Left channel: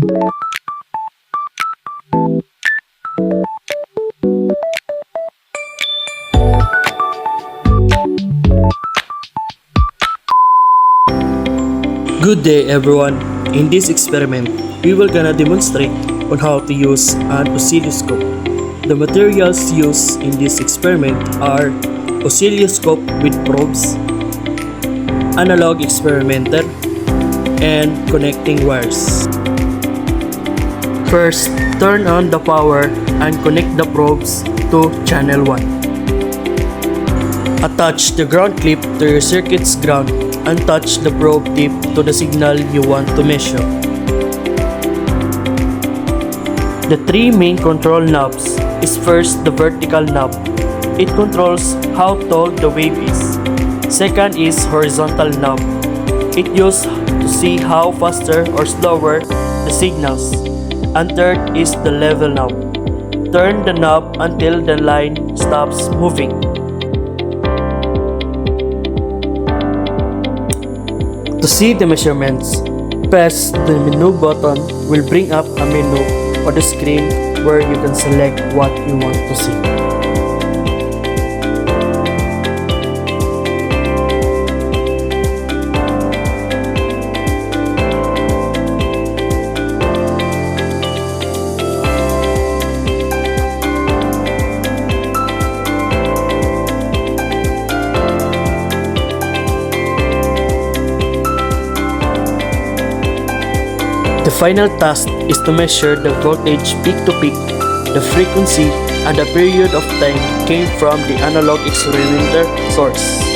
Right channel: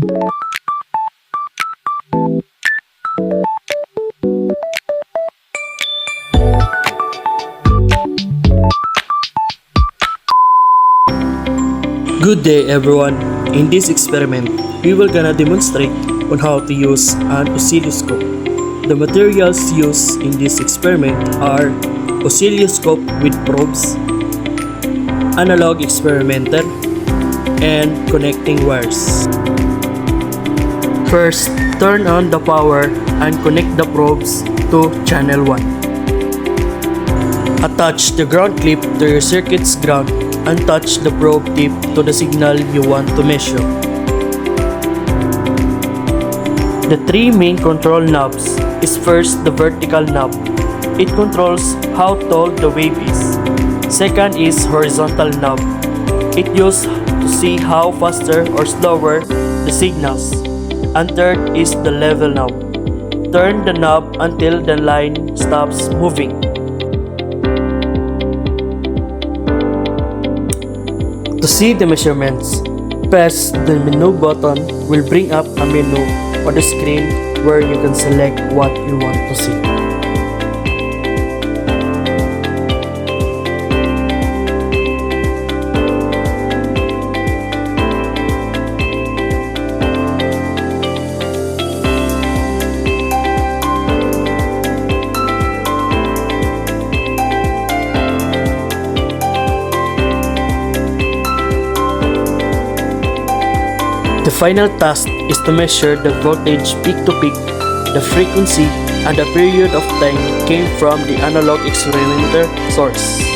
Good day everyone. In this experiment, we will gonna demonstrate on how to use an oscilloscope. The materials used in this experiment are oscilloscope with probes, analog experimenter, and connecting wires. First, turn on the power and connect the probes to channel 1. Attach the ground clip to your circuit's ground and touch the probe tip to the signal you want to measure. The three main control knobs is first the vertical knob. It controls how tall the wave is. Second is horizontal knob. It used to see how faster or slower the signals. And third is the level knob. Turn the knob until the line stops moving. To see the measurements, press the menu button will bring up a menu on the screen where you can select what you want to see. The final task is to measure the voltage peak to peak, the frequency, and the period of time came from the analog experimenter source.